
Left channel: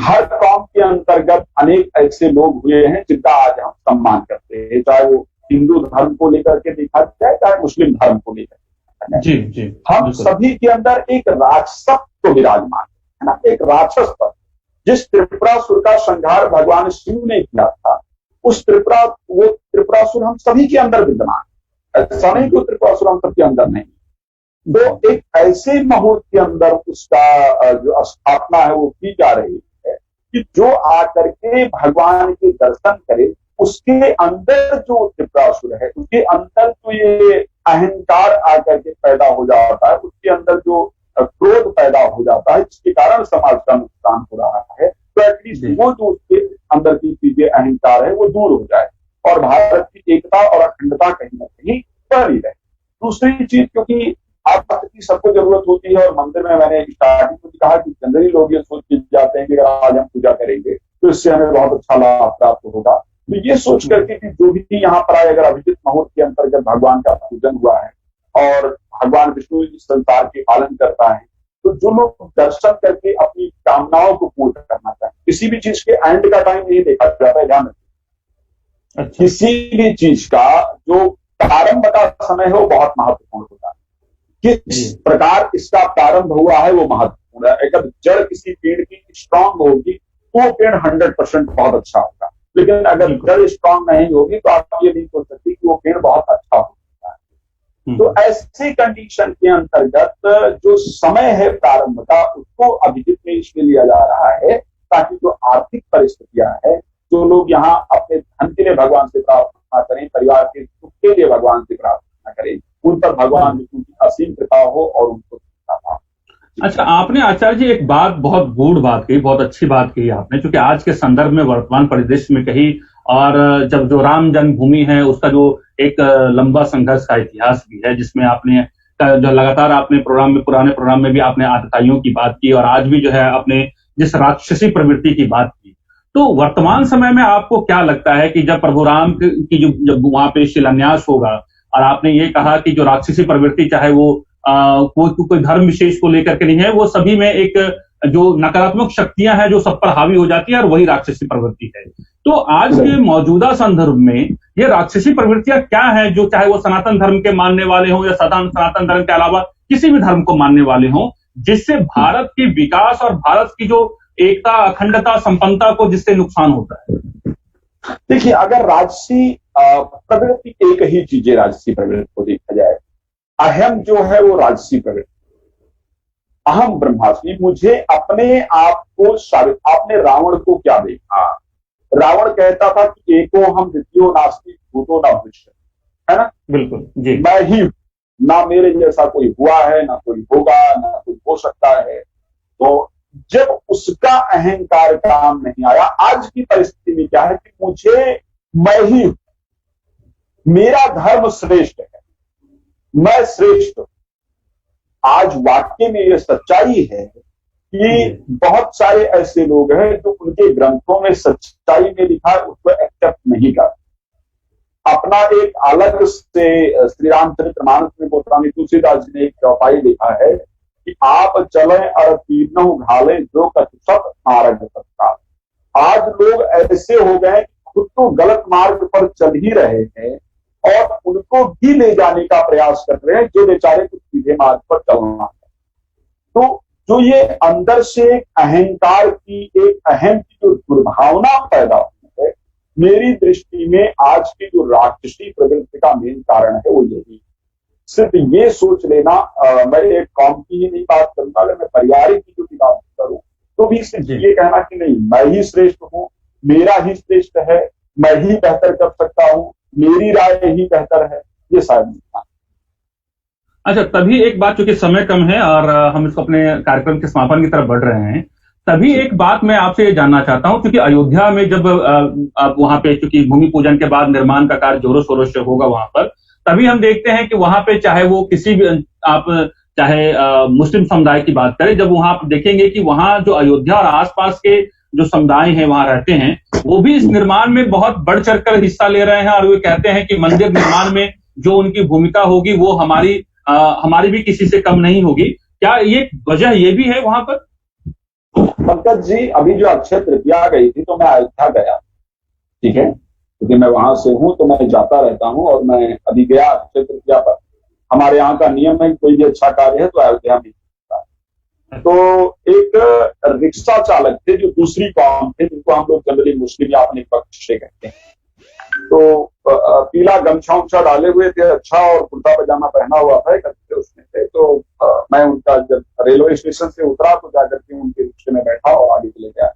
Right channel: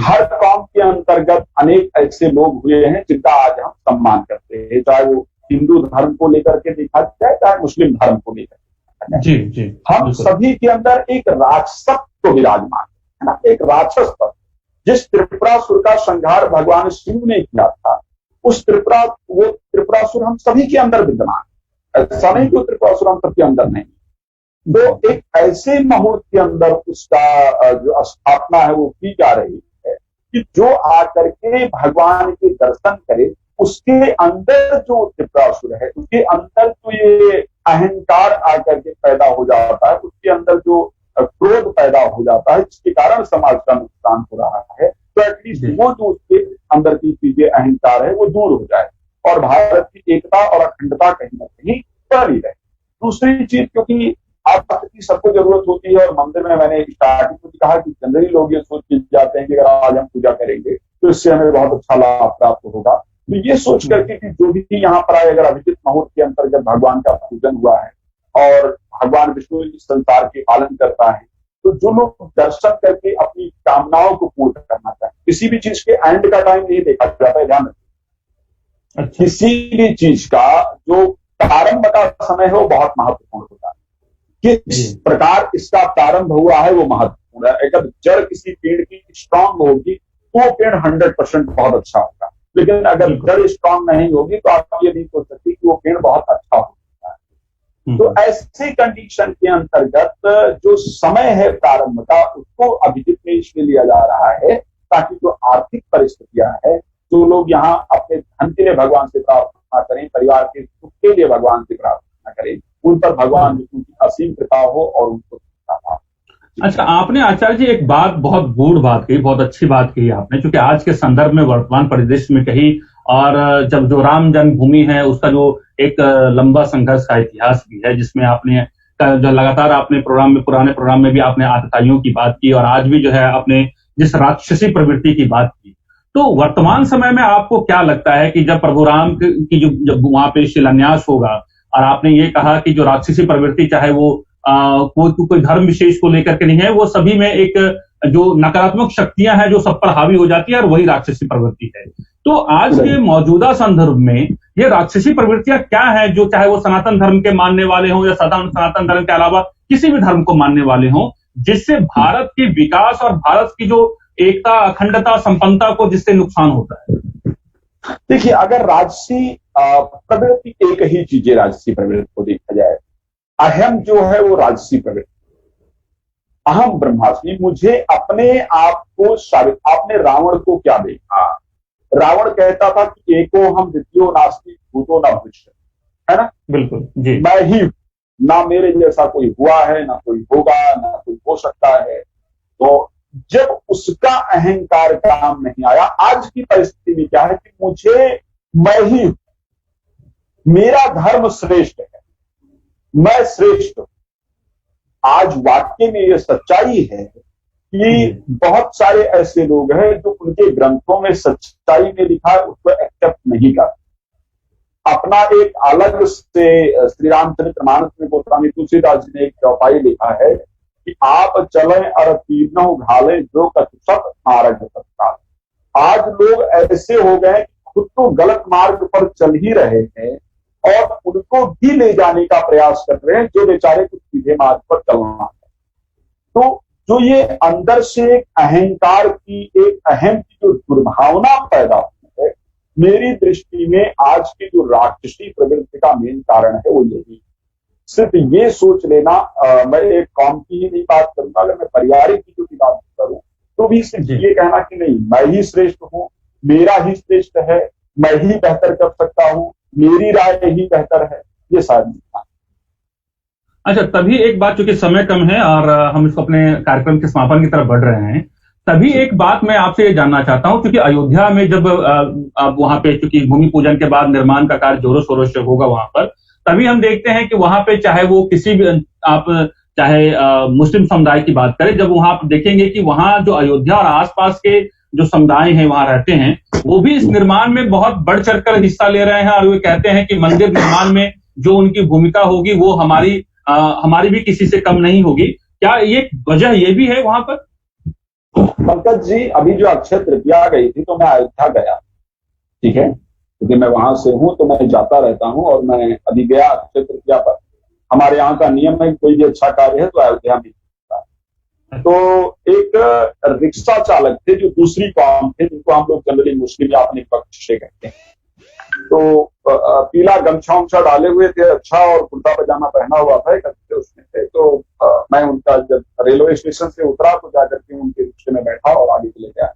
हर कौम के अंतर्गत अनेक ऐसे लोग हुए हैं जिनका आज हम सम्मान करते हैं, चाहे वो हिंदू धर्म को लेकर के देखा जाए, चाहे मुस्लिम धर्म को लेकर के। जी जी, हम सभी के अंदर एक राक्षसत्व विराजमान है ना, एक राक्षस तत्व। जिस त्रिपुरासुर का संहार भगवान शिव ने किया था, वो त्रिपुरासुर हम सभी के अंदर विद्यमान है। ऐसा नहीं कि त्रिपुरासुर हम सबके अंदर नहीं। तो एक ऐसे मुहूर्त के अंदर उसका जो स्थापना है वो की जा रही है कि जो आकर के भगवान के दर्शन करे, उसके अंदर जो त्रिपुरासुर है, उसके अंदर जो ये अहंकार आकर के पैदा हो जाता है, उसके अंदर जो क्रोध पैदा हो जाता है, जिसके कारण समाज का नुकसान हो रहा है, तो एटलीस्ट वो जो उसके अंदर की चीजें अहंकार है वो दूर हो जाए और भारत की एकता और अखंडता कहीं ना कहीं बनी रहे। दूसरी चीज, क्योंकि आप की सबको जरूरत होती है और मंदिर में मैंने स्टार्टिंग में कहा कि जनरली लोग ये सोच के जाते हैं कि अगर आज हम पूजा करेंगे तो इससे हमें बहुत अच्छा लाभ प्राप्त होगा। तो ये सोच करके कि जो भी यहाँ पर आए, अगर अभिजित मुहूर्त के अंतर्गत भगवान का पूजन हुआ है और भगवान विष्णु इस संसार के पालन करता है, तो जो लोग दर्शन करके अपनी कामनाओं को पूर्ण करना चाहते, किसी भी चीज के एंड का टाइम नहीं देखा जाता है, ध्यान रखिए। किसी भी चीज का जो प्रारंभ का समय है वो बहुत महत्वपूर्ण होता है। किस प्रकार इसका प्रारंभ हुआ है वो महत्वपूर्ण है। अगर जड़ किसी पेड़ की स्ट्रांग होगी तो वो पेड़ 100% बहुत अच्छा होगा, लेकिन अगर जड़ स्ट्रांग नहीं होगी तो आप ये नहीं सोच सकते कि वो पेड़ बहुत अच्छा हो सकता है। तो ऐसी कंडीशन के अंतर्गत जो समय है प्रारंभ का, उसको अभिजित में इसलिए लिया जा रहा है ताकि जो आर्थिक परिस्थितियां है, जो लोग यहाँ अपने धन के लिए भगवान से प्रार्थना करें, परिवार के सुख के लिए भगवान से प्रार्थना करें, उन पर भगवान विष्णु की असीम कृपा हो और उनको कृपा। अच्छा, आपने आचार्य जी एक बात, बहुत गूढ़ बात कही, बहुत अच्छी बात कही आपने, क्योंकि आज के संदर्भ में, वर्तमान परिदृश्य में कही, और जब जो राम जन्मभूमि है उसका जो एक लंबा संघर्ष का इतिहास भी है, जिसमें आपने जो लगातार आपने पुराने प्रोग्राम में भी आपने आतताइयों की बात की और आज भी जो है आपने जिस राक्षसी प्रवृत्ति की बात की, तो वर्तमान समय में आपको क्या लगता है कि जब प्रभु राम की जब वहां पे शिलान्यास होगा और आपने ये कहा कि जो राक्षसी प्रवृत्ति, चाहे वो कोई धर्म विशेष को लेकर के नहीं है, वो सभी में एक जो नकारात्मक शक्तियां हैं जो सब पर हावी हो जाती है और वही राक्षसी प्रवृत्ति है। तो आज के मौजूदा संदर्भ में ये राक्षसी प्रवृत्तियां क्या हैं, जो चाहे वो सनातन धर्म के मानने वाले हों या सनातन धर्म के अलावा किसी भी धर्म को मानने वाले हों, जिससे भारत के विकास और भारत की जो एकता, अखंडता, संपन्नता को जिससे नुकसान होता है? देखिए, अगर राजसी प्रवृत्ति, एक ही चीज है राजसी प्रवृत्ति को देखा जाए, अहम जो है वो राजसी प्रवृत्ति, अहम ब्रह्मास्मि, मुझे अपने आप को आपने रावण को क्या देखा? रावण कहता था कि एको हम द्वितीयो नास्ति भूतो न भविष्य, है ना? बिल्कुल जी। मैं ही, ना मेरे जैसा कोई हुआ है, ना कोई होगा, ना कोई हो सकता है। तो जब उसका अहंकार काम नहीं आया, आज की परिस्थिति में क्या है कि मुझे, मैं ही, मेरा धर्म श्रेष्ठ है, मैं श्रेष्ठ हूं। आज वाकई में यह सच्चाई है कि बहुत सारे ऐसे लोग हैं जो उनके ग्रंथों में सच्चाई में लिखा है उसको एक्सेप्ट नहीं करते। अपना एक अलग से श्री रामचरितमानस में गोस्वामी तुलसीदास जी ने एक चौपाई लिखा है कि आप चले और तीनों घाले जो कछुसत मार्ग तत्काल। आज लोग ऐसे हो गए कि खुद तो गलत मार्ग पर चल ही रहे हैं और उनको भी ले जाने का प्रयास कर रहे हैं जो बेचारे कुछ सीधे मार्ग पर चलना है। तो जो ये अंदर से एक अहंकार की, एक अहम की जो दुर्भावना पैदा हुई है, मेरी दृष्टि में आज की जो राक्षसी प्रवृत्ति का मेन कारण है वो यही। सिर्फ ये सोच लेना, मैं एक कौम की ही नहीं बात करूंगा, अगर मैं परिवार की जो बात करूं तो भी सिर्फ ये कहना कि नहीं मैं ही श्रेष्ठ हूं, मेरा ही श्रेष्ठ है, मैं ही बेहतर कर सकता हूं, मेरी राय ही बेहतर है, ये शायद नहीं। अच्छा, तभी एक बात, चूंकि समय कम है और हम इसको अपने कार्यक्रम के समापन की तरफ बढ़ रहे हैं, तभी एक बात मैं आपसे ये जानना चाहता हूं, क्योंकि अयोध्या में जब वहां पे चूंकि भूमि पूजन के बाद निर्माण का कार्य जोरों शोरों से होगा वहां पर, तभी हम देखते हैं कि वहां पे चाहे वो किसी भी आप चाहे मुस्लिम समुदाय की बात करें, जब वहां आप देखेंगे कि वहां जो अयोध्या और आसपास के जो समुदाय हैं वहां रहते हैं, वो भी इस निर्माण में बहुत बढ़ चढ़कर हिस्सा ले रहे हैं और वे कहते हैं कि मंदिर निर्माण में जो उनकी भूमिका होगी वो हमारी भी किसी से कम नहीं होगी। क्या ये वजह ये भी है वहां पर? पंकज जी, अभी जो अक्षय तृतीया गई थी तो मैं अयोध्या गया, ठीक है, क्योंकि मैं वहां से हूं तो मैं जाता रहता हूं, और मैं अभी गया अक्षय तृतीया पर। हमारे यहाँ का नियम है कोई भी अच्छा कार्य है तो अयोध्या में होता है। तो एक रिक्शा चालक थे जो दूसरी कौम थे, जिनको हम लोग जनरली मुस्लिम या अपने पक्ष से कहते हैं, तो पीला गमछा उमछा डाले हुए थे, अच्छा, और कुर्ता पजामा पहना हुआ था, एक अच्छे उसमें थे। तो मैं उनका जब रेलवे स्टेशन से उतरा तो जाकर के उनके रिक्शे में बैठा और आगे चले गया।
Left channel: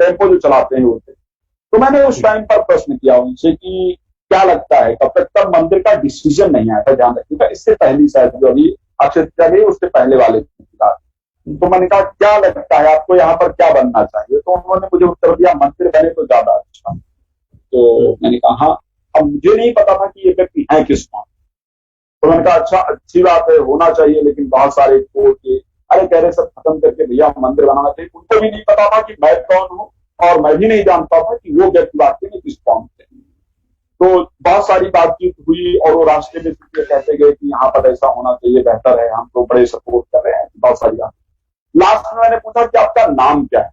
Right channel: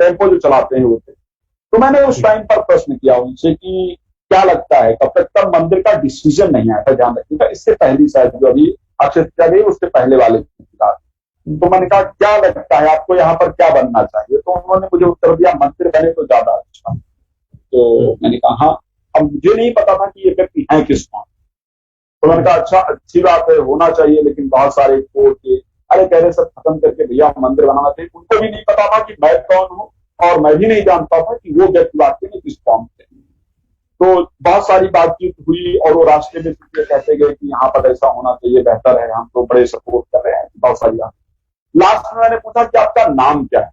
टेम्पो जो चलाते हैं वो थे। तो मैंने उस टाइम पर प्रश्न किया उनसे कि क्या लगता है, तब तक मंदिर का डिसीजन नहीं आया था, ध्यान रखिएगा, इससे पहली शायद जो अभी अक्षय तृतीया गई उससे पहले वाले की। तो मैंने कहा क्या लगता है आपको यहाँ पर क्या बनना चाहिए? तो उन्होंने मुझे उत्तर दिया मंदिर बने तो ज्यादा अच्छा। तो मैंने कहा हाँ, अब मुझे नहीं पता था कि ये व्यक्ति है किस कौन। तो मैंने कहा अच्छा, अच्छी बात है, होना चाहिए, लेकिन बहुत सारे कोर्ट के अरे कह रहे सब खत्म करके भैया मंदिर बनाना चाहिए। उनको भी नहीं पता था कि मैं कौन हूँ, और मैं भी नहीं जानता था कि वो व्यक्ति वाकई में किस कौम से। तो बहुत सारी बातचीत हुई और वो रास्ते में कहते गए कि यहाँ पर ऐसा होना चाहिए, बेहतर है, हम तो बड़े सपोर्ट कर रहे हैं, बहुत सारी बात। लास्ट में मैंने पूछा कि आपका नाम क्या है?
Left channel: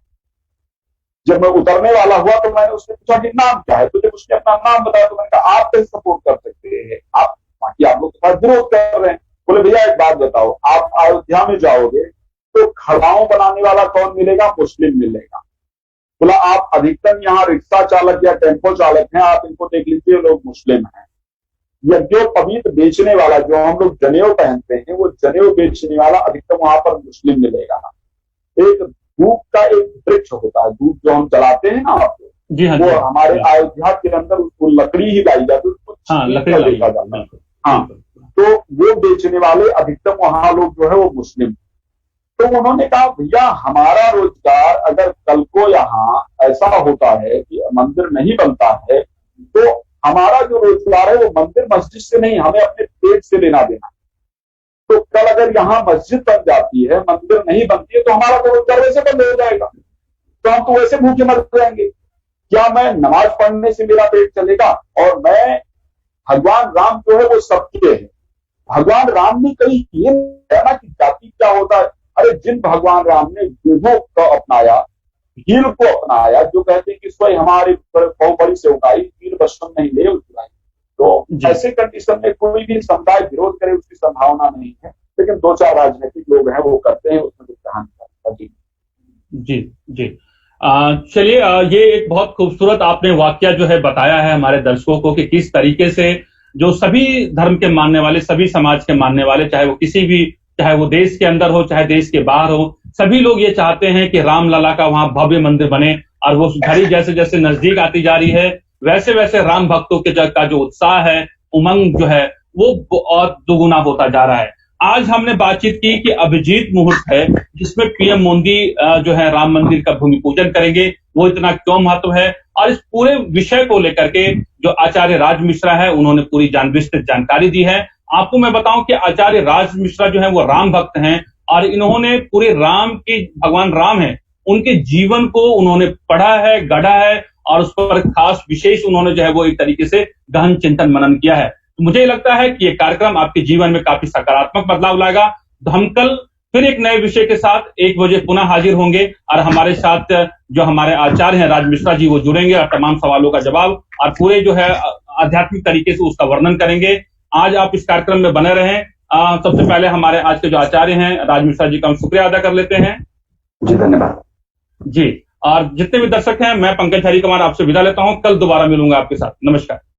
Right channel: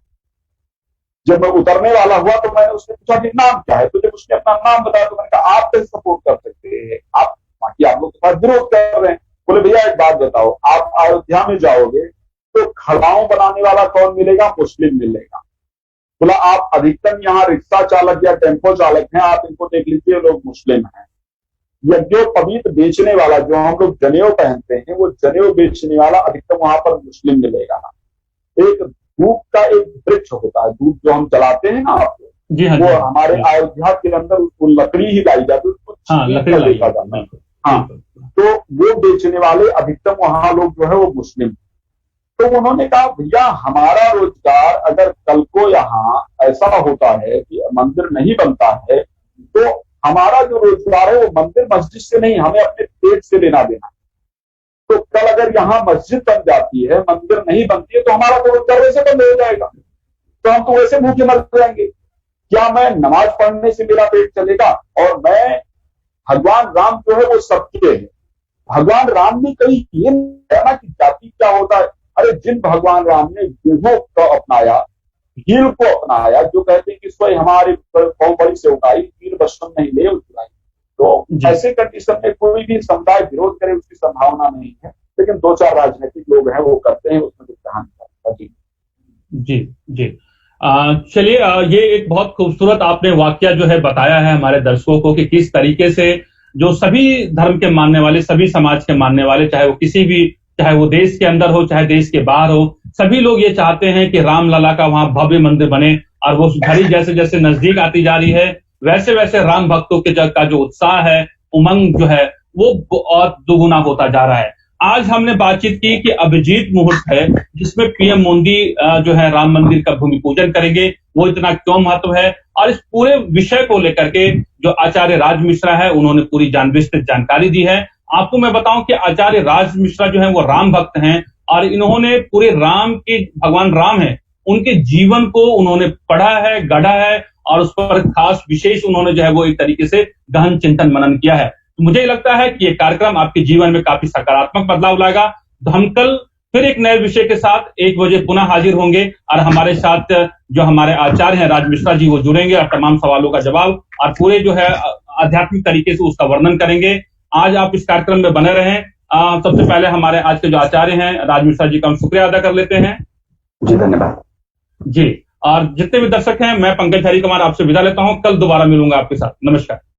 जब मैं उतरने वाला हुआ तो मैंने उससे पूछा कि नाम क्या है? तो जब उसने अपना नाम बताया तो मैंने कहा आप कैसे सपोर्ट कर सकते हैं, आप बाकी आप लोग के साथ विरोध कर रहे हैं। बोले भैया एक बात बताओ, आप अयोध्या में जाओगे तो खड़ाऊ बनाने वाला कौन मिलेगा? मुस्लिम मिलेगा। बोला आप अधिकतम यहाँ रिक्शा चालक या टेम्पो चालक हैं, आप इनको देख लीजिए, लोग मुस्लिम हैं। यज्ञोपवीत बेचने वाला, जो हम लोग जनेऊ पहनते हैं, वो जनेऊ बेचने वाला अधिकतम वहां पर मुस्लिम मिलेगा। एक धूप का एक वृक्ष होता है, धूप जो हम जलाते हैं ना आपको, जी हाँ, वो हमारे अयोध्या के अंदर उसको लकड़ी ही लाई जाती है, उसको लकड़ी देखा जाता है। हाँ, तो वो बेचने वाले अधिकतम वहां लोग जो है वो मुस्लिम। तो उन्होंने कहा भैया हमारा रोजगार अगर कल को यहाँ ऐसा होता है कि मंदिर नहीं बनता है, तो हमारा जो रोजगार है वो मंदिर मस्जिद से नहीं, हमें अपने पेट से लेना देना। तो कल अगर यहाँ मस्जिद बन जाती है, मंदिर नहीं बनती है, तो हमारा तो रोजगार वैसे बंद हो जाएगा, तो हम तो वैसे भूखे मर जाएंगे। क्या मैं नमाज पढ़ने से मेरा पेट चलेगा? और मैं, भगवान राम जो है वो सबके है। भगवान राम ने कहीं ये है ना कि जाति क्या होता है। अरे जिन भगवान राम ने युगों को अपनाया, हील को अपनाया, जो कहते हैं कि स्वयं हमारे बड़ी से उगाई, हील बशम नहीं ले उगाई। तो ऐसे कंडीशन में कोई भी समुदाय विरोध करे उसकी संभावना नहीं है, लेकिन दो चार राजनीतिक लोग हैं वो करते हैं, उसमें कुछ कहानी है। जी जी, चलिए, ये एक बहुत खूबसूरत आपने वाकया जो है बताया है हमारे दर्शकों को कि किस तरीके से जो सभी धर्म के मानने वाले, सभी समाज के मानने वाले, चाहे वो किसी भी, चाहे वो देश के अंदर हो चाहे देश के बाहर हो, सभी लोग ये चाहते हैं कि राम लला का वहां भव्य मंदिर बने। और वो घड़ी जैसे जैसे नजदीक आती जा रही है, वैसे वैसे राम भक्तों के का जो उत्साह है, उमंग जो है, वो और दुगुना होता जा रहा है। आज हमने बातचीत की कि अभिजीत मुहूर्त है जिसमें पीएम मोदी जो है राम मंदिर का भूमि पूजन करेंगे, वो इतना क्यों महत्व है, और इस पूरे विषय को लेकर के जो आचार्य राज मिश्रा है उन्होंने पूरी विस्तृत जानकारी दी है। आपको मैं बताऊं कि आचार्य राज मिश्रा जो है वो राम भक्त हैं और इन्होंने पूरे राम के, भगवान राम है, उनके जीवन को उन्होंने पढ़ा है, गढ़ा है, और उस पर खास विशेष उन्होंने जो है वो एक तरीके से गहन चिंतन मनन किया है। तो मुझे लगता है कि ये कार्यक्रम आपके जीवन में काफी सकारात्मक बदलाव लाएगा। तो हम कल फिर एक नए विषय के साथ 1 बजे पुनः हाजिर होंगे और हमारे साथ जो हमारे आचार्य हैं राज मिश्रा जी, वो जुड़ेंगे और तमाम सवालों का जवाब और पूरे जो है आध्यात्मिक तरीके से उसका वर्णन करेंगे। आज आप इस कार्यक्रम में बने रहें। सबसे पहले हमारे आज के जो आचार्य हैं राज मिश्रा जी का हम शुक्रिया अदा कर लेते हैं। जी धन्यवाद। जी, और जितने भी दर्शक हैं, मैं पंकज हरिकुमार आपसे विदा लेता हूं। कल दोबारा मिलूंगा आपके साथ। नमस्कार।